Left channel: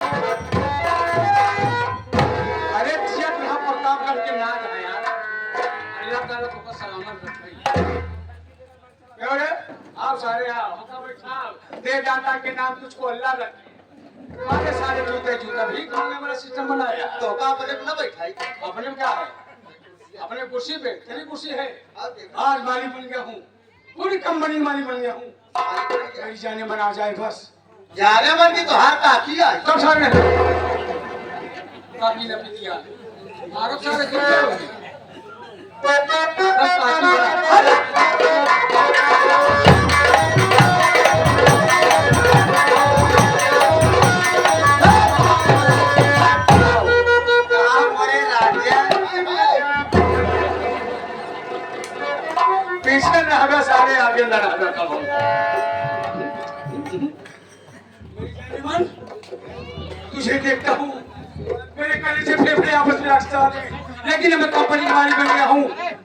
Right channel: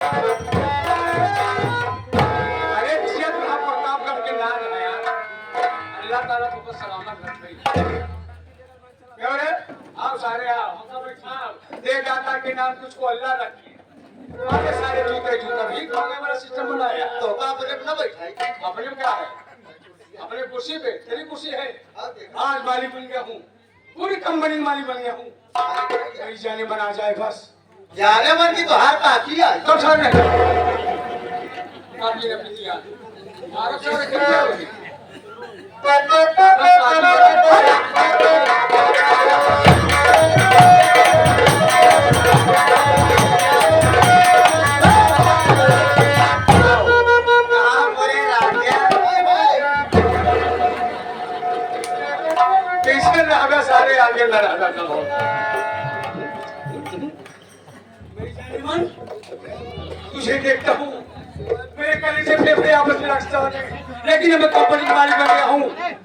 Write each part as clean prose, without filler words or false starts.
अरे जिया प्रताप प्रतापगढ़ के नाम है यार। अल्लाह ताला तुमको सलामत रखे। क्यों रे? आप सारे आओ। हम बैठा दे दाता के नाम तुझको अल्लाह रखे। सारे सारे जूते जूता भी खाने वाला सिस्टम बनाया। तो का अपने न बैठाई अपने में क्या है? अपने कुर्सी पे तेरी कुर्सी है। आज मालिक बन गया हूँ। पूरी कंपनी मालिक बन गया हूँ। कहीं जाने मन आ जाए बस। जाने मन की तो हार ताकी आई कब सारे काफी रख दिया। मारो सारे क्यों जाओगे? पीछे रहबे सारे आगे न रहबे कब हो। तुझे देखता हूँ मेरे कलेजे फेफड़े आपस में लड़ता है, लेकिन मैं कंपनी का मालिक बन गया हूँ,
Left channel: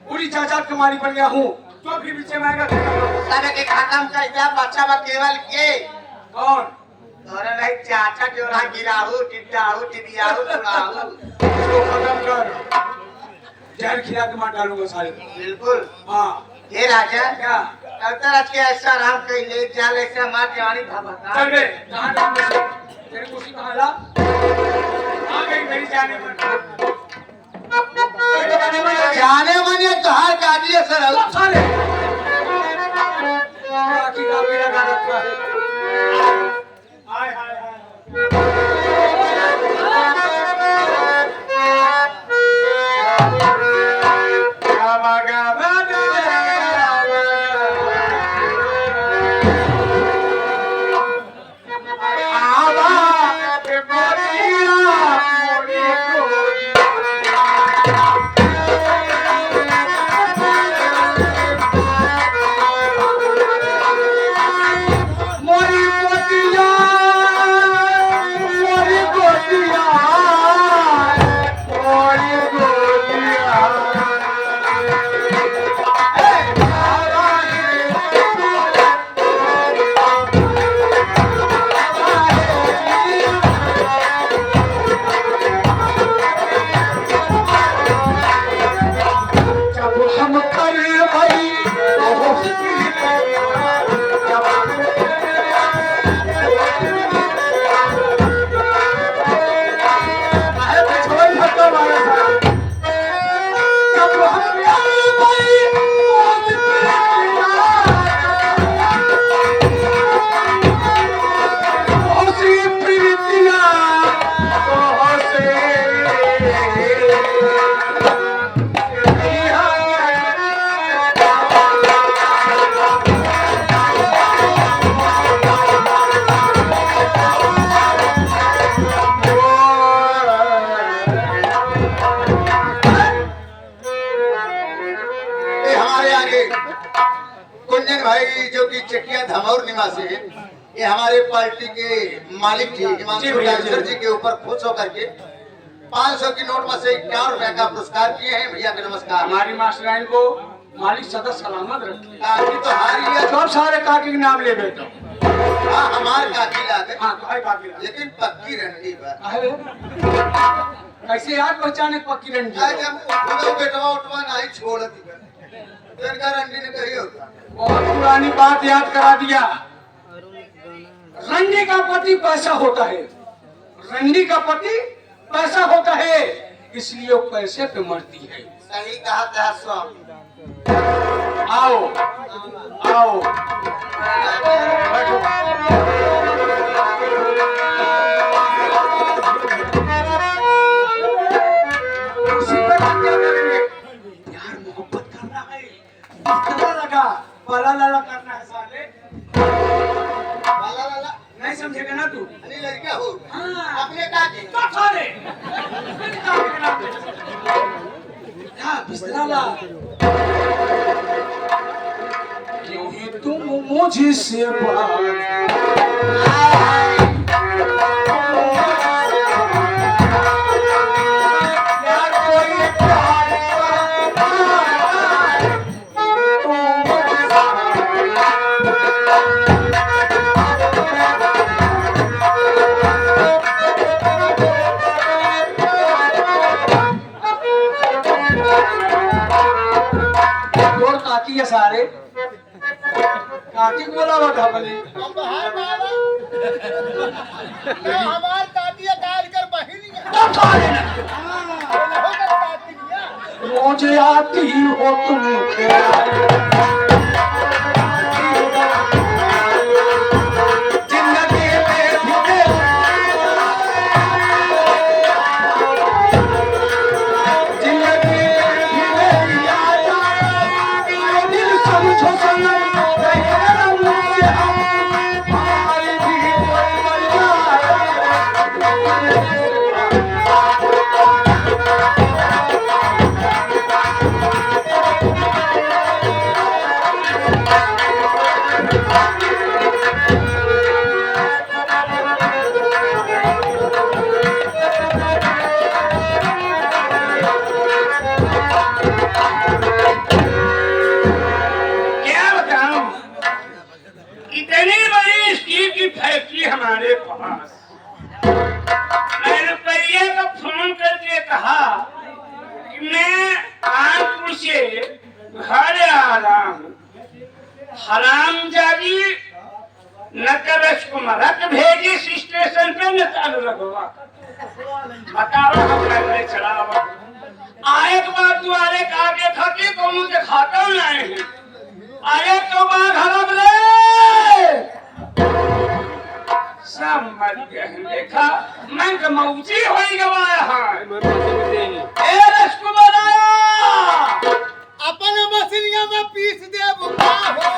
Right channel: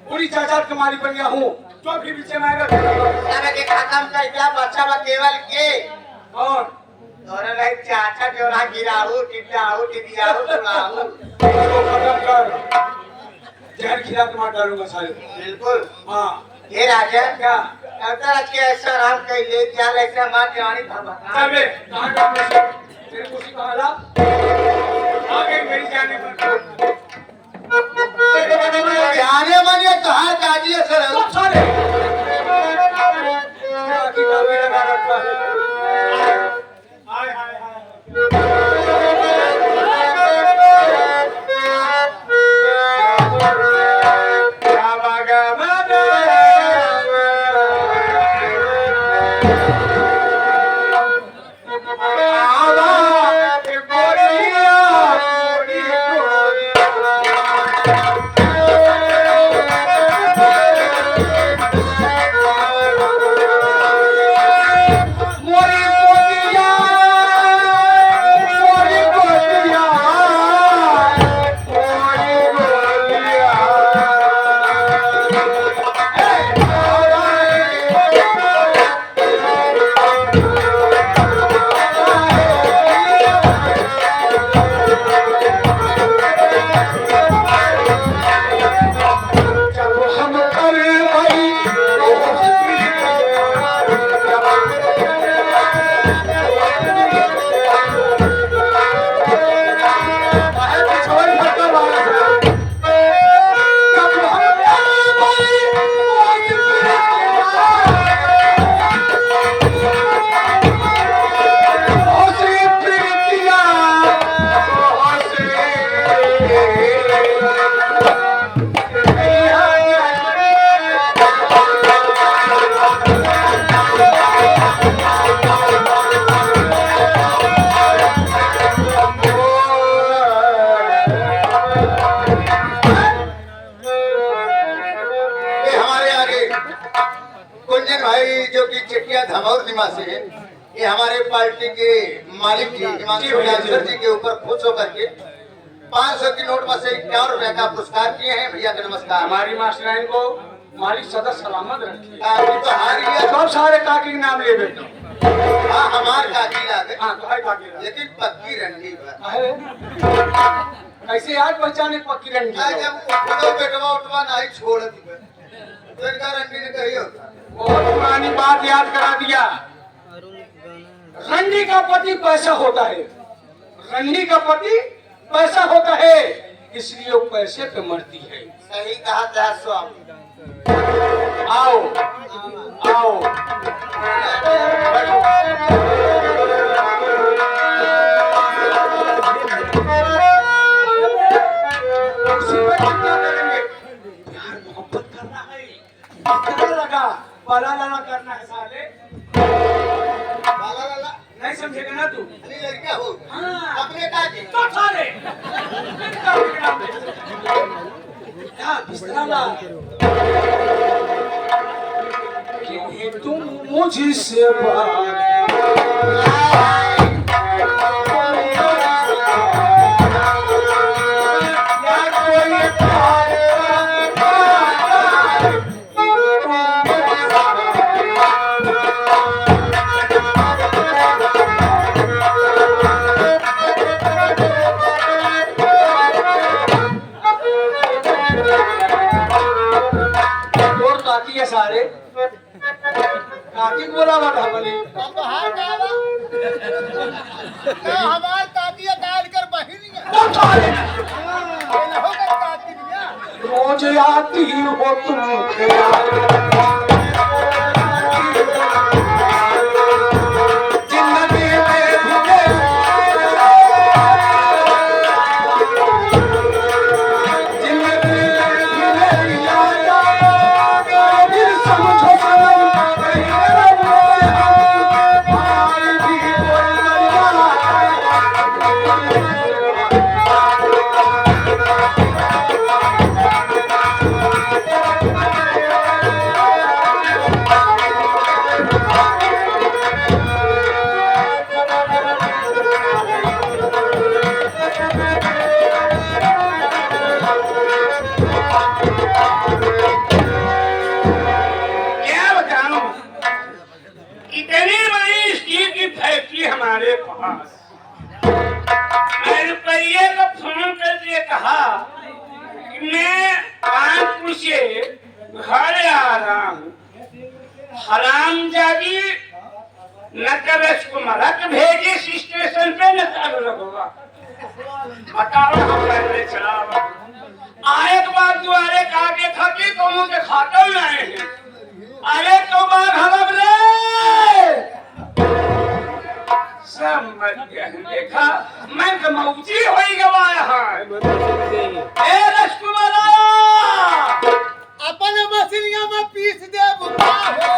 पूरी जायदाद का मालिक बन गया हूँ। तो भी पीछे में आएगा सारे के खत्म कर दिया बच्चा बा केवल के कौन? और नहीं चाचा के और गिराहू टिटाहू टिटियाहू सुनाहू उसको खत्म कर। जहर खिला के मार डालूंगा सारे। बिल्कुल हाँ ये राजा क्या? अवतार आज के ऐसा राम कह ले जाल ऐसा मार जवानी भगवान चल बे कहाँ डाल तेरी कुर्सी कहाँ ला? आ गई मेरी जाने पर। जाने मन ये कहा दादी है सर सब सारे बाकी का भी लगा रखा है। हाय हाय हाय कुंजन भाई जो कि चकिया धमौर निवासी है, ये हमारे पार्टी के मालिक जी हिमांशु डांसर जी के ऊपर खुश होकर के 500 की नोट में से 51 रुपए का पुरस्कार किए हैं। भैया का नमस्कार। हमारी मास्टराइन को मालिक सदा सलामत रखे। काकी तो हारी है सब सारे काकी के नाम ले बेटो। हाँ हमार काकी लागे हाँ कहे काकी रखे। लेकिन पक्की रंडी बा कहे कैसे यार पहचाने पक्की रंडी? आज जब उठो बेटवा उठवा नहीं छोड़ दी तो इनका रंडी ने कही होता। बहुत पुरानी बात याद करा दिया। रंडी का पति पैसा होता है, रंडी का पति पैसा होता है, इसलिए वो पैसे पे मरती है। सही कहा था स्वामी। आओ आओ प्यार मोहब्बत करना है, इतना लगा बाला लाला करना है साले। लाला लाला नहीं समझेगा ना तू? अरे लड़का हो हाँ अपने काकी तो साले क्या बिस्तरा ला क्योंकि तुम मुझसे कार्तिक बोला था बोली अब है ना बा ना हमार कातिया काट कर बहिन है तो तारे ना होकर कातिक या रोज आती हो तुम जिंदगी में भी जिंदगी में भी मेरी याद आएगा दिल समझो सनम तेरा मुझे भाई भी कोई मर जाए क्या बताऊं इतनी बड़ी स्टील की फैक्ट्री हमारे पास मैं रुपये का फोन करके कहा कि मैं कानपुर से घर आ रहा हूँ हरामजादी न तो रसकुमारक भेजी स्टेशन पे न तो लगवा बताओ हम पैदल चला आए के बाद दुआरे का आगे था कि तुम के खाता में आए हैं अरे तो बाग हरब ले सब मर गए हैं देखा मैं तो मौजी हो ही गवाया है ए रसकुमार अपन मछलियां में पीस दे बुका हो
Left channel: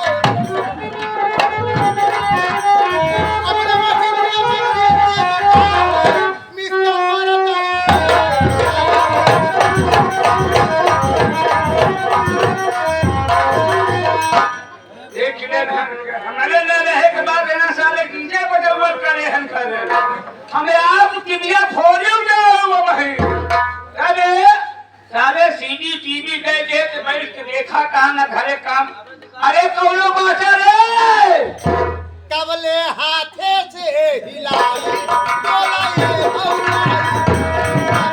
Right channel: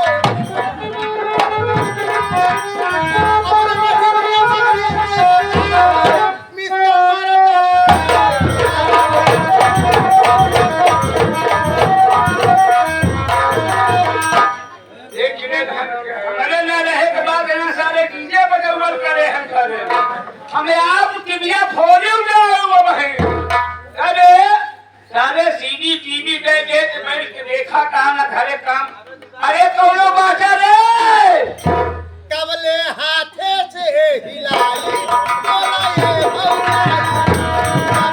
अपन मछलियां में पीस दे देखने हमारे न रहे के बाद ना सारे कीजे बगल करे हम करे हमें आप टीविया फोड़े जाओ भाई अरे सारे सीडी टीवी दे दे तो मैं देखा कहा ना घरे काम अरे कौनो बाजा रे कबले हाथे से हिलाई बोलाई हौलाई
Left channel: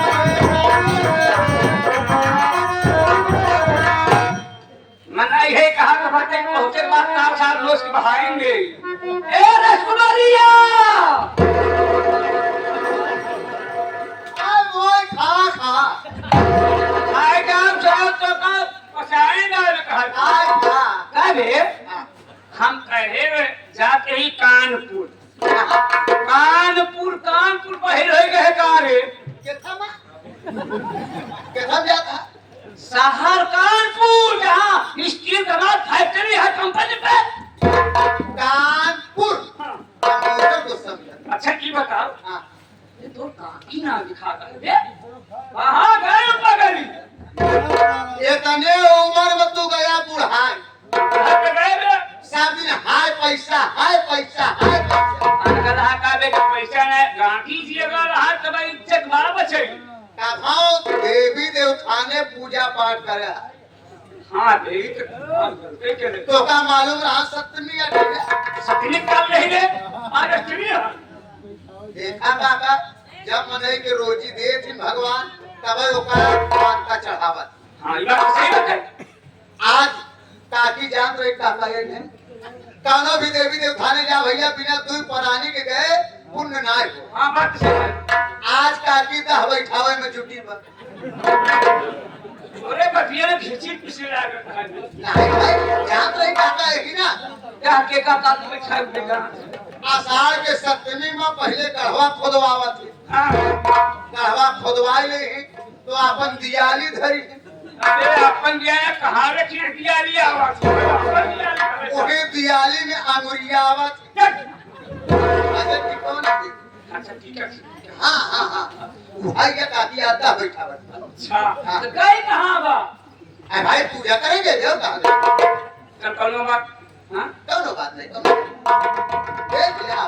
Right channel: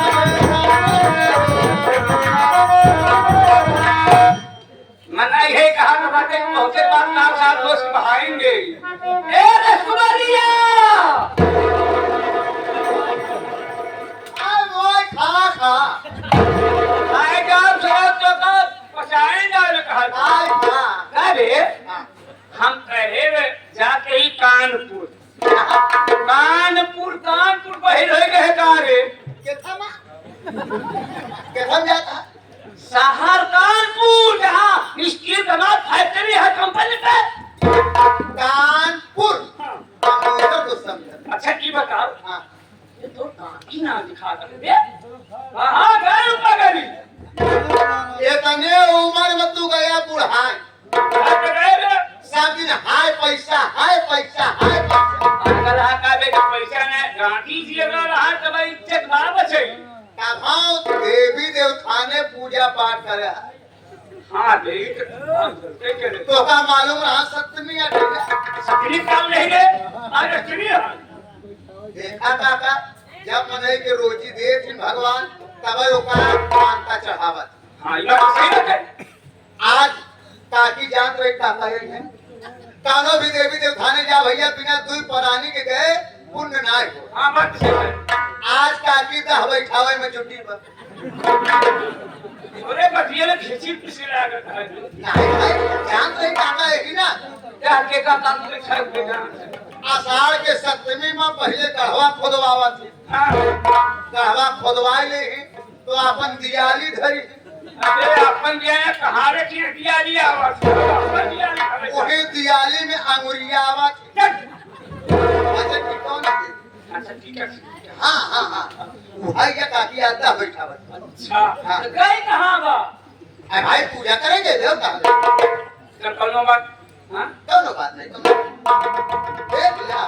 मना ये कहा ना बातें को होते बात ना साथ दोस्त बहाएंगे ए रसकुमारिया अब वो खा आए काम सब तो कर पचाए ना कहा आय खा अरे हम कहे जाते ही कानपुर पहले रह गए कहाँ रे केथन जाता शहर कानपुर जहाँ स्टील दमाद फैक्ट्री है कंपनी पे कानपुर कंप्यूटर को समझ अच्छा की बताओ हाँ ये तो काकी ना दिखा रहे वहाँ गए पगली इतने उम्र में तू गया बुढ़ाई सब दिन हाय पैसा अगर का पैसा ना गांधी जी अगर रहा तो भाई इज्जत बार बचे तब देवी देवताने पूजा पाठ करे हाँ भाई करते करे तो का मालूम रहा सप्तमी अटेगा सतनी काम नहीं गए आज अष्टमी है देखा काका जब मनई के रोजी दे थी भगवान तब ओकर पान का चढ़ावत हाँ ये बात सही बात है आज काकी जान रही का कहेंगे कानो भी देवी देवताने जा भैया बिना दुई परानी के गए पुण्य ना हो हाँ बात सही है आज काकी दह बैठावे में जुटी बा अरे बतिया ने खींची पिछले लागत है नहीं भाई जान रही काका है ही ना क्या के का काम में छल देगा आषाढ़ के सप्तमी में पहले गढ़वा खोदवावा थी गढ़वा खोदवाई ले ही तो अपन दियाली धरी अरे अपन जो है कहाँ रे खिड़कियाँ लिया आवाज उन्हें दियाली में अंगुरिया आवा थी ऐसे कौन थी अच्छा ठीक है हाँ भाई का काकी आता बैठा बता अच्छा तो गई कहाँ बा अरे भाई पूजा करेंगे देवता तो कौनो बात हाँ कौनो बात नहीं कौनो देख लिया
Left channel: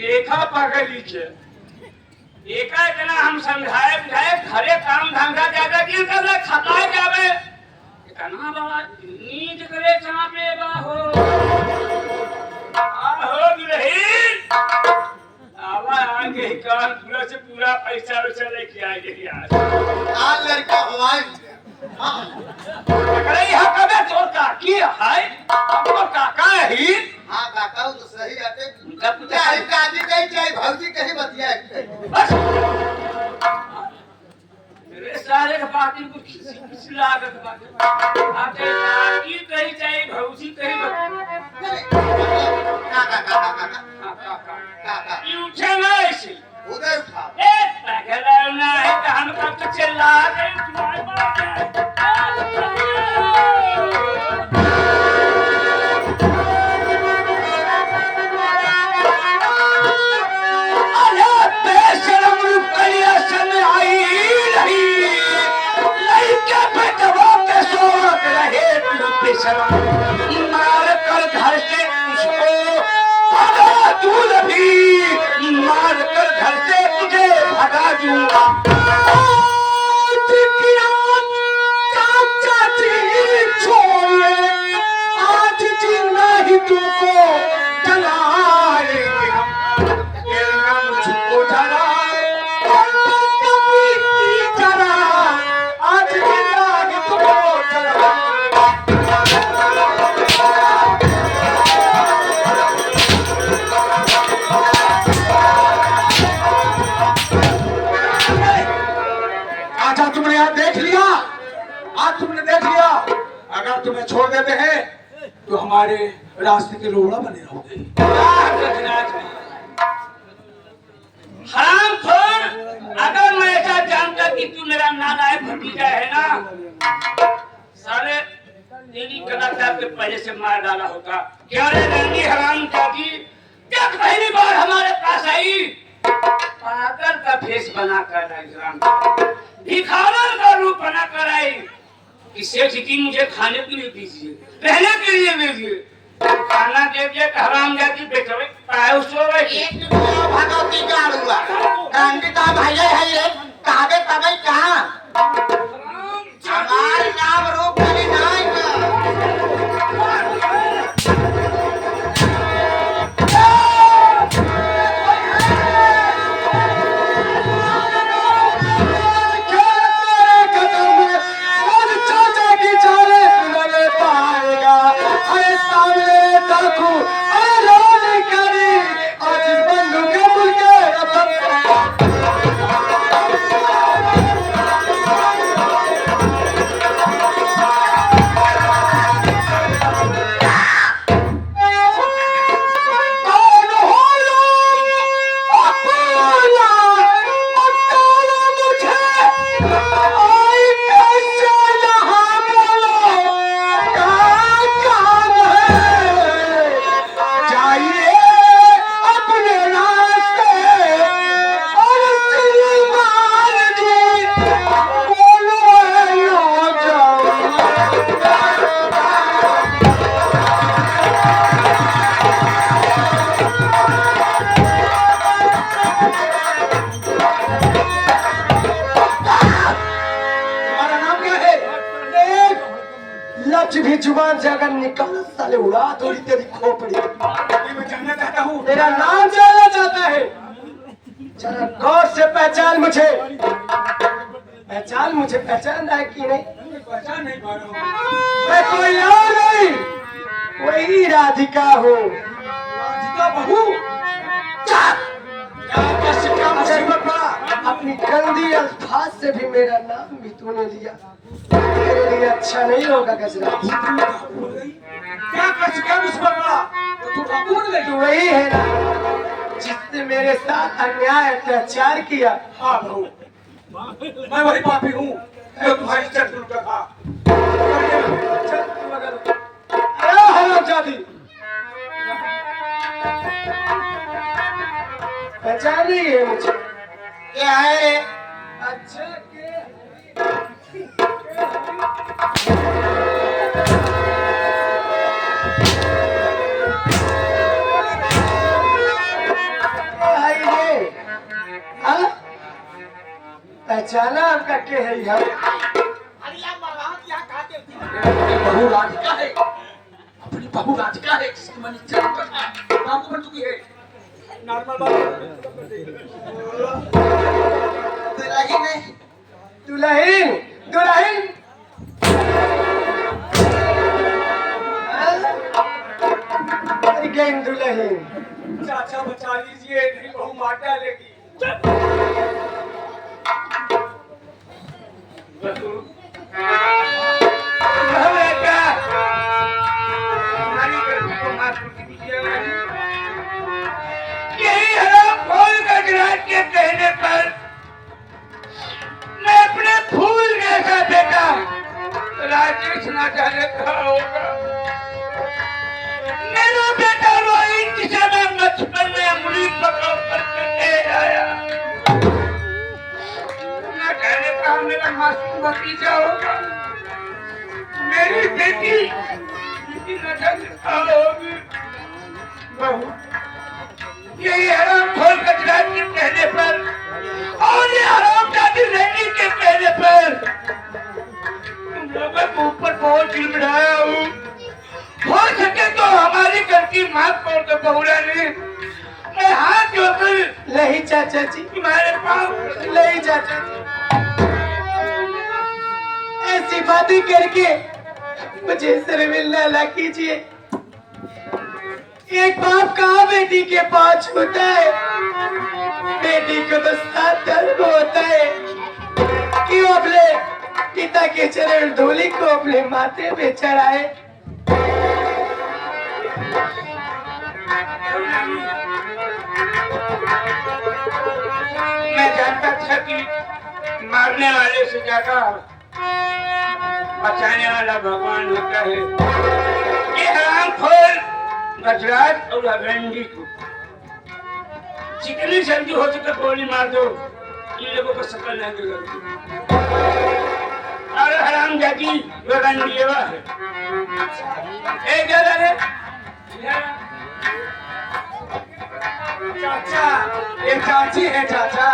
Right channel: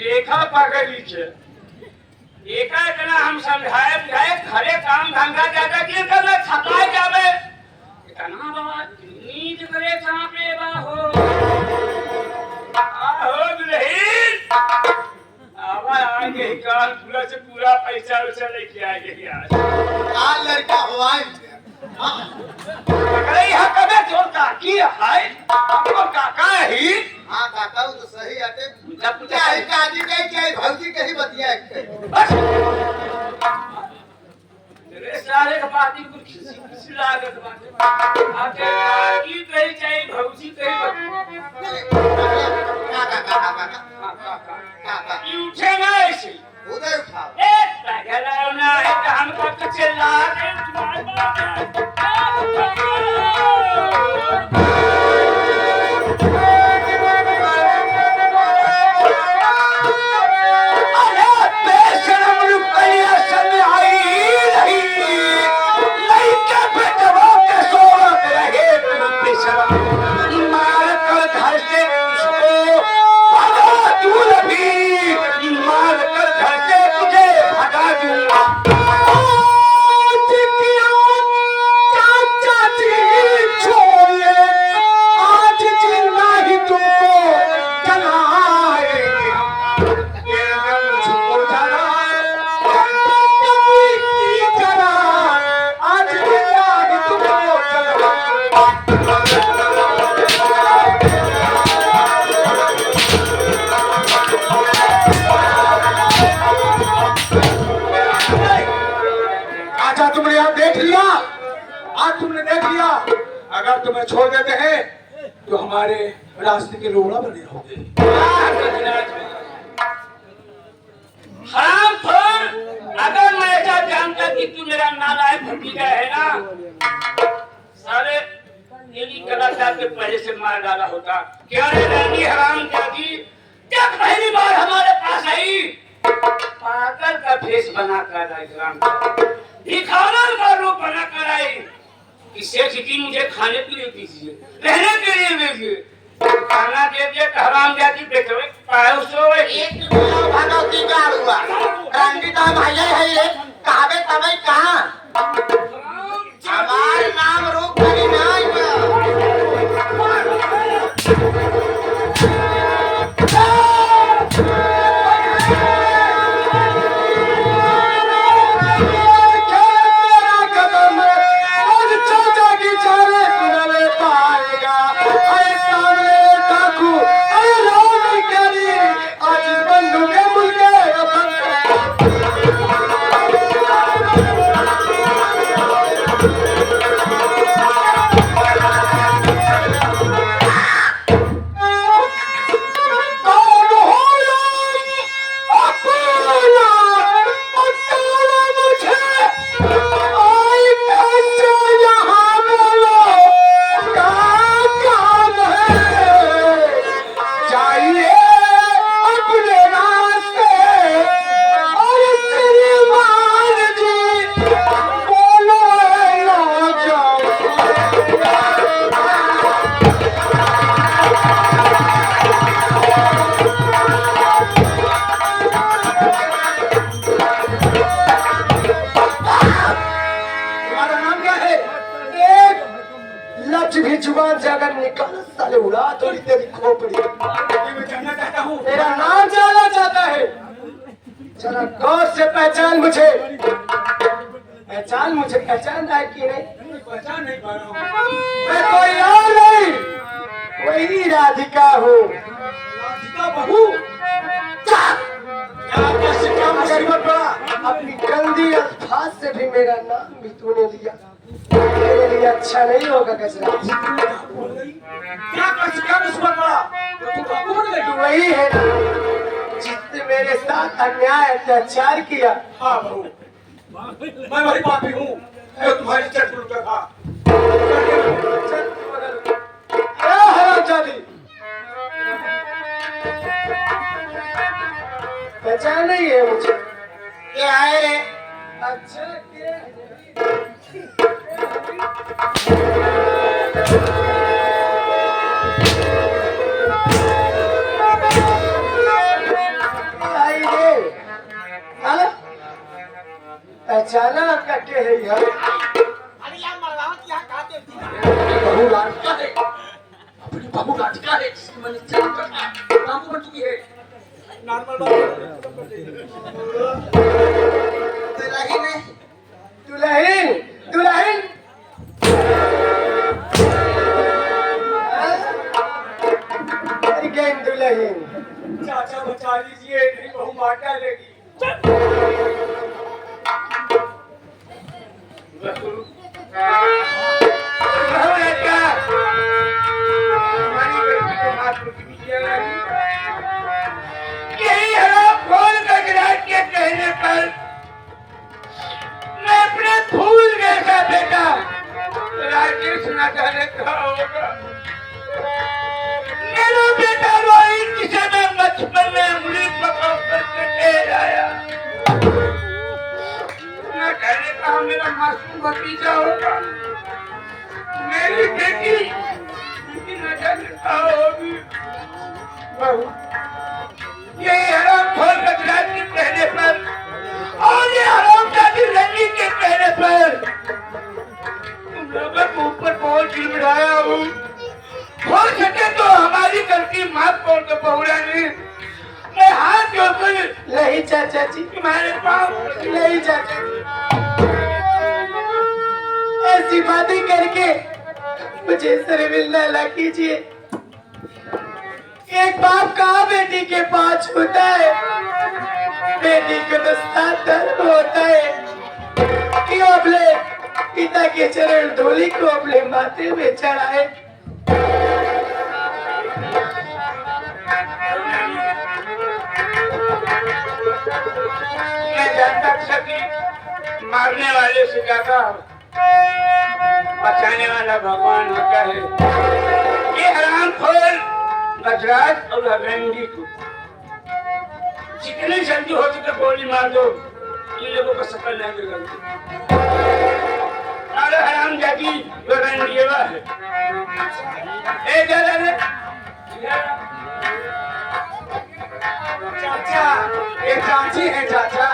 देखा पागली के एका इतना हम समझाए बुझाए घरे काम धंधा ज्यादा किए कर ले खताए जावे इतना बाबा नींद करे कहाँ पे बा हो आहो दुल्हन बाबा आएंगे ही कानपुरा से पूरा पैसा वैसा लेके आएंगे यार। काल लड़का हवाई पकड़े यहाँ कबे तोर काकी है हमको काका ही। हाँ काका वो तो सही आते क्या ही काजी कही चाहे भौजी कही बतिया बस तेरे सारे का पार्टी को किसी लागत बात आते काकी कही चाहे भौजी कही काका काका काका काका काका ये उठे ना ऐसे उदय उठा ए पगला ना है कि हम कब तक चिल्ला रहे हैं तुम्हारी बात है। अरे बेशरम रुपया सन आई नहीं लड़के पे दबा के सोवत रहे तुम बेशरम मार कर घर से उसको भगा दूं भी मार कर घर से तुझे भगा दूंगा। आज क्या चाचा जी छोड़िए आज जिंदा ही तुमको जलाएंगे हम। ये रंग मुझको जला कभी की जला आज जिंदा ही तुमको जलाएंगे। अच्छा तुमने यहाँ देख लिया आज तुमने देख लिया अगर तुम्हें छोड़ देते हैं तो हमारे रास्ते के रोड़ा बने रहोगे। हराम खोर अगर मैं ऐसा जानता कि तू मेरा नालायक भतीजा है ना सारे तेरी कलाकार के पहले से मार डाला होता। क्या रे रानी हराम जाती जब पहली बार हमारे पास आई पागल का भेष बना कर आई भिखारन का रूप बना कर आई कि सेठ जी मुझे खाने के लिए दीजिए रहने के लिए दीजिए खाना दे दिया तो हराम जाती बेटे पाए उसो एक भगवती का हुआ गांधी का भाई है ये कहावे तबे कहां हमारे नाम रूप में नहीं भी जुबान से अगर निकाल साले उड़ा थोड़ी तेरी खोपड़ी। तेरा नाम जानना चाहता है जरा गौर से पहचान मुझे पहचान रहा है कि नहीं? पहचान नहीं पा रहा हूँ मैं कोई और नहीं वही राधिका हूँ। राधिका बहू अपनी गंदी अल्फाज से भी मेरा नाम भी तूने लिया मेरे लिए अच्छा नहीं होगा गजरा। क्या कर चुका मुझ पर बड़ा तो तू कौन ले तू वही है ना जिसने मेरे साथ अन्याय अत्याचार किया। हाँ बहू मैं वही पापी हूँ जो तुम्हारी चट लुटा था। हरामजादी पहचान नहीं है मुझे। क्या है रे अच्छे पहचाना आपका के है यार? अरे यार मरवाओ क्या कहते बहू राधिका है अपनी बहू राधिका है जिसकी मैंने चट लुटा था। नाम को तू की है नॉर्मल बात दुल्हन में दुल्हन दुल्हन अगेन दुल्हन चाचा बचा लीजिए नहीं बहू मार डालेगी हमारी बेटी को माफ कर दीजिएगा जी। यही है फूल गजराज के कहने पर मैं अपने फूल जैसा बेटा राजेश ना जाने कहा होगा। मेरा बेटा रोहित जिसे मैं बचपन में उंगली पकड़ करके ले आया ना कहने कहा मेरा मासूम भतीजा होगा। मेरी बेटी न जाने कहा होगी। बहू ये हराम खोर गजराज के कहने पर और ये हराम जाति रैनी के कहने पर तुम लोगों के ऊपर बहुत चिड़चिड़ाया हूँ। हो सके तो हमारी गलती माफ कर दो बहू रानी। मैं हाथ जोड़कर नहीं चाचा जी तुम्हारे पास नहीं चाचा जी ऐसी बातें करके मुझे शर्मिंदा ना कीजिए। एक बाप कहाँ बेटी के पास होता है, बेटी को तो साथ दर्द होता है कि वो अपने पिता के चरण धूलि को अपने माथे में चढ़ाए। मैं जानता था कि मारने वाले से ज्यादा बचाने वाला भगवान होता है। ये हराम खोर गजराज और हवेंडी को जितनी जल्दी हो सके गोली मार दो। ये लोगों को शकल नहीं बिगड़ती। अरे हराम जाती गगनदेवा है। ए जरा रे चाचा ये चाची है चाचा।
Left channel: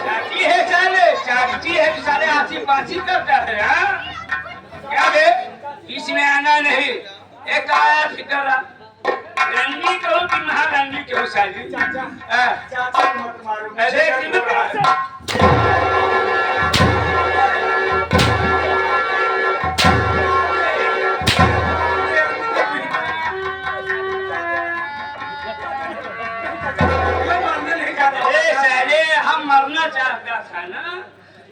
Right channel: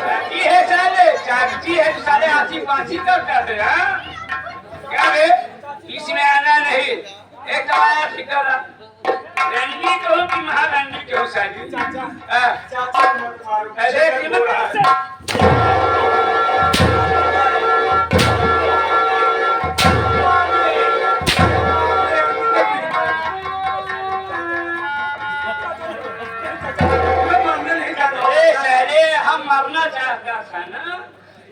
चाची है साले, चाची है तो साले आची पाची करता है। हाँ क्या बे इसमें आना नहीं। एक आया ठिकाना रंडी कहूँ कि महारंडी कहूँ साली। चाचा हाँ। चाचा मत मारो। अरे हम मरना चाहता था ना,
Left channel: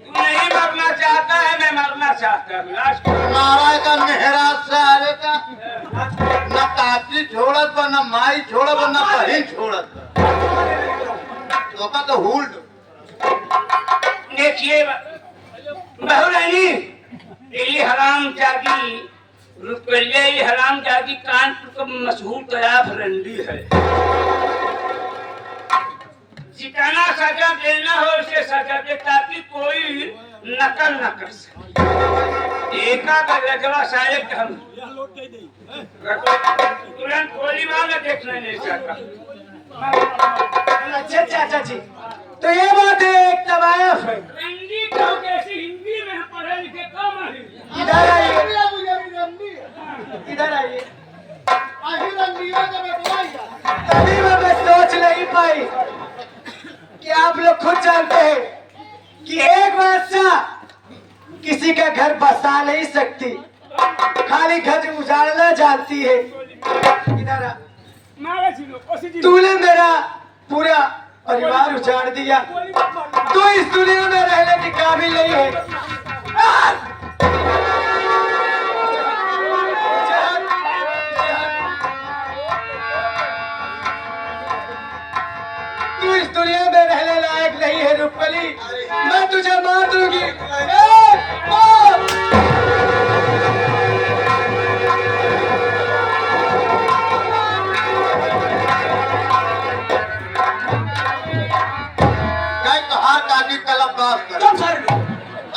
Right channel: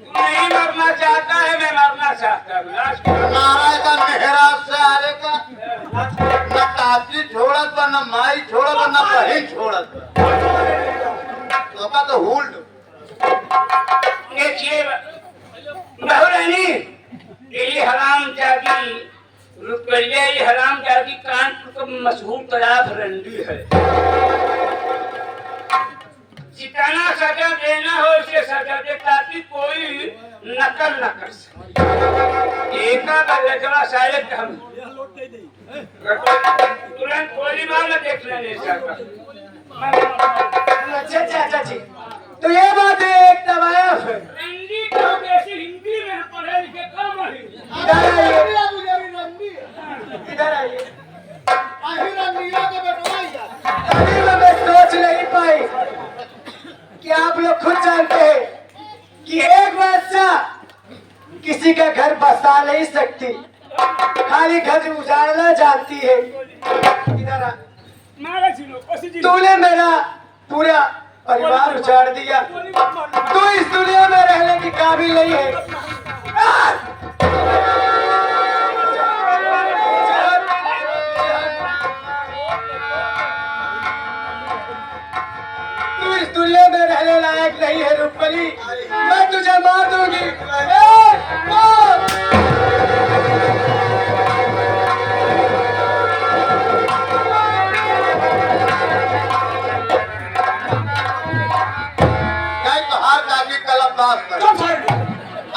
तू नहीं मरना चाहता है, मैं मरना चाहता हूँ। नारा का मेहराज से आने का न काकी छोड़त बा न माई छोड़त बा न बहन छोड़त बा। तो का तो हुल्ड देखिए बहू रानी ये हराम जागी रुपये ये हराम जागी कानपुर का मशहूर तैयार रंडी है। जितना सजा देना हो उसे सजा दे ताकि कोई नकल न कर सके। एकरा शायद हम तुरंत गोली मार देखना नहीं चाहता। अच्छा चाचा जी तो ये बात है एक तवायफ है। रंडी को कैसे हिंदी में पढ़े लिखे कम है। इधर आइए अभी मैं सोच नहीं पाई कि आप लोग खुद जानते हैं कि एक बादशाह किसी का घर बसा नहीं सकती, खाली घर उजाड़ना जानती है। इधर आ। तूने मेरा पूरा परिवार उजाड़ दिया, तू इस दुनिया में रहने की काबिल नहीं है। तू इस दुनिया में रहने लायक नहीं है रूपली, मैं तुझे मार दूंगी।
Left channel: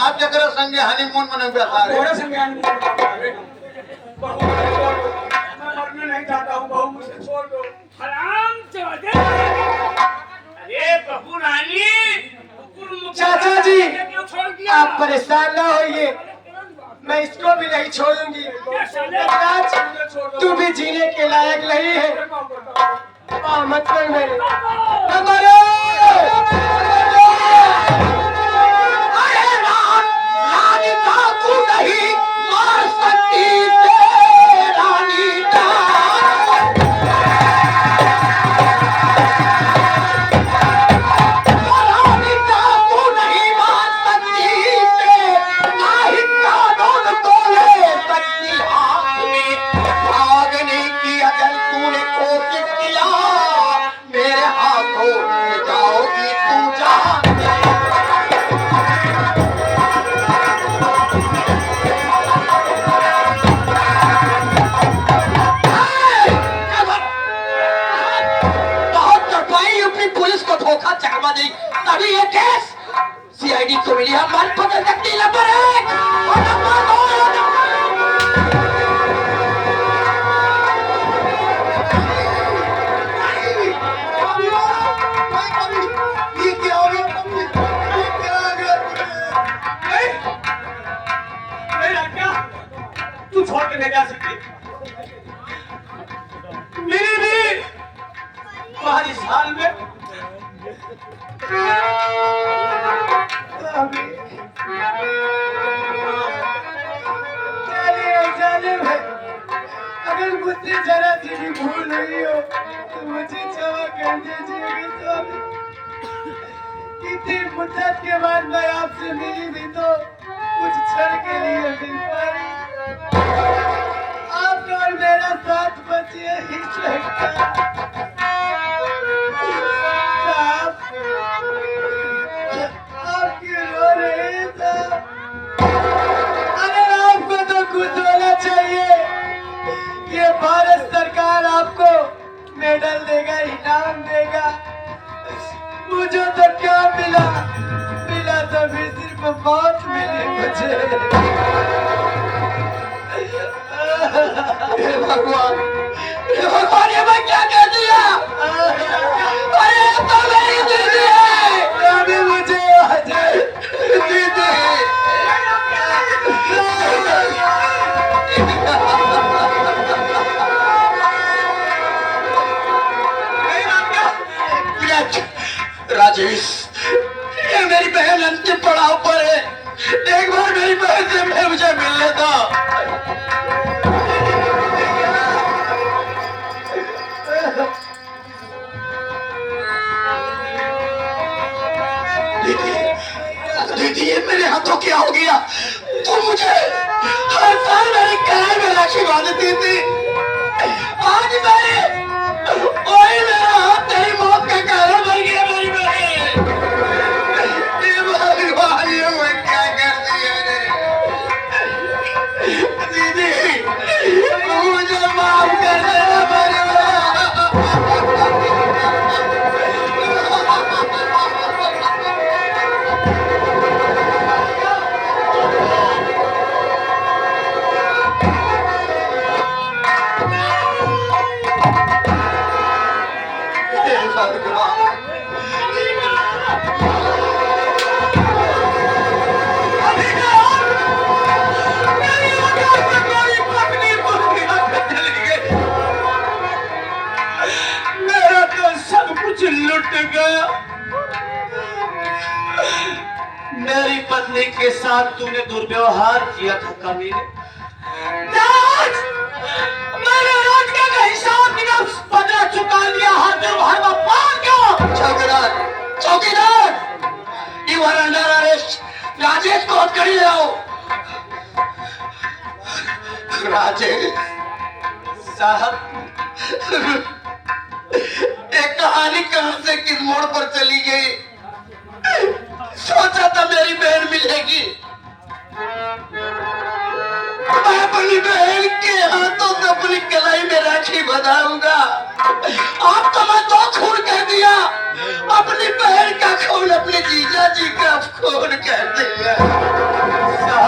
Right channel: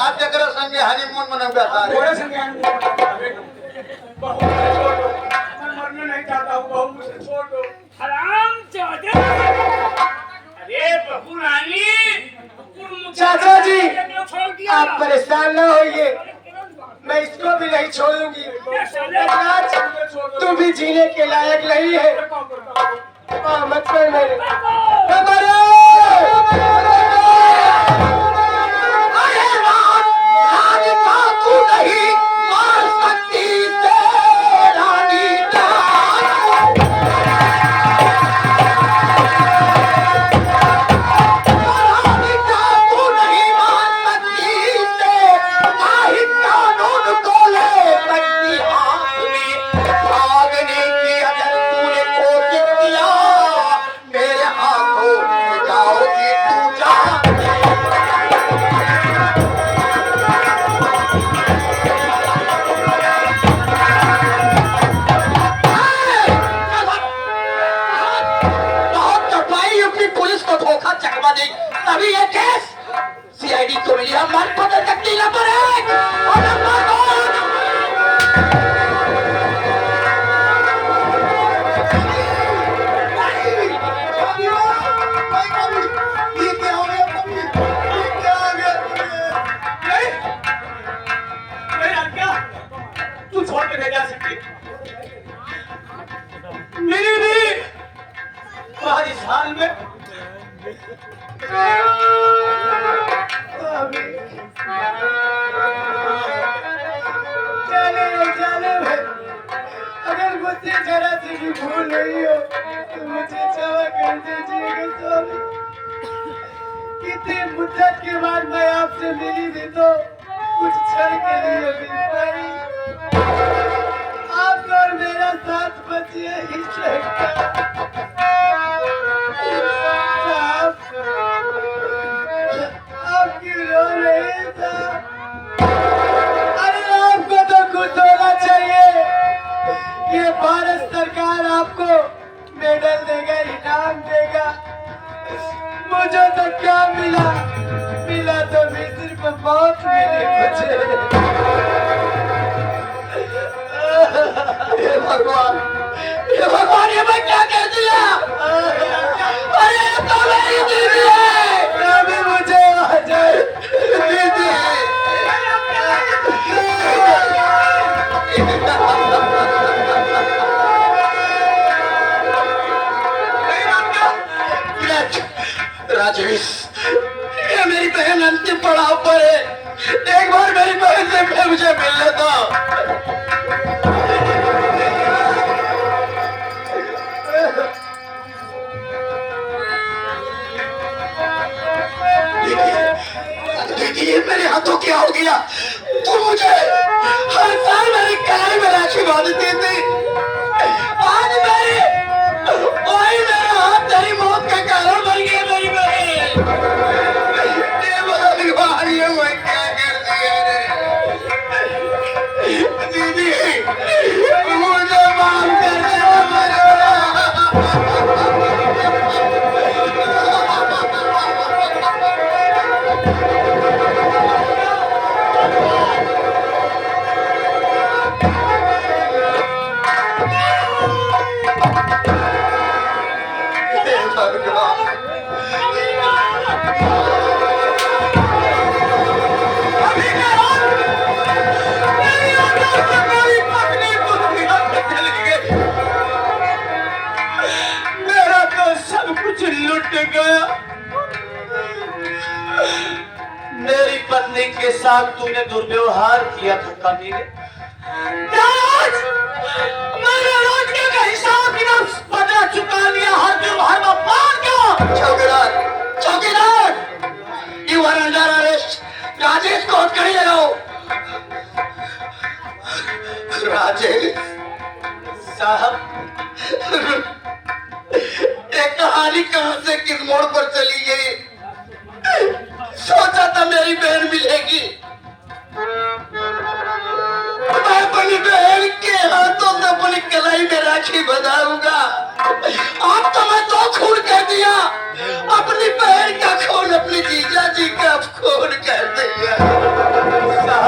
आप जगह संगे हनीमून मनौगा था। थोड़े संगे हनीमून बहू मैं मरना नहीं चाहता हूँ, बहू मुझे छोड़ दो। हराम जादे। अरे बहू रानी चाचा जी आप परेशान ना होइए, मैं इसको भी नहीं छोड़ूंगी। राज, तू भी जीने के लायक नहीं है। मत कर मेरे तभी ये केस सीआईडी को मिली हम मन पकड़ सकती नंबर 1 और नंबर 2 ये क्या हो गया? ये क्या हो गया? तू छोड़ के नहीं जा सकती। मेरी भी तुम्हारी हाल में अगर मुझसे जरा सी भी भूल हुई हो तो मुझे क्षमा कर दीजिएगा स्वामी। इतनी मुद्दत के बाद मैं आपसे मिली भी तो कुछ क्षण के लिए मिल पाई। आपका और मेरा साथ बचिए ही सकता। आप क्यों रो रहे थे? अरे आपको तो खुश होना चाहिए। ये भारत सरकार आपको मेडल देगा, इनाम देगा। मुझे तो क्या मिला? मिला तो भी सिर्फ मौत मिली मुझे। भगवान ये मैं क्या कह दिया? अरे तो मेरी दीदी है। अभी मुझे आ जाए राजेश, ये मेरी बहन अंतिम पड़ाव पर है। एक बार मेरी बहन से मुझे मिलने दो। दीदी, ये मेरे हाथों क्या हो गया? तुम मुझे हर साल मेरी कलाई में राखी बांधती थी। आज वही मेरा हाथ तेरी मौत का कारण बन गया। मेरी बहन, ये भगवान, ये मैं क्या कर दिया? दीदी मुझे माफ कर देना। मेरा तो सब कुछ लुट गया। मेरी पत्नी के साथ तूने दुर्व्यवहार किया था कमीने। मैंने रोज का हिसाब बिना पता चुका लिया। हर व्यवहार में पार गया। चौकीदार, you are under arrest. Rajesh को हट कर ले आओ। राजेश साहब, एक कहानी कहां से किस मोड़ पर चली गई। सोचा था मेरी बहन मिलेगी। मैं अपनी बहन के हाथों से अपनी कलाई में राखी बंधाऊंगा।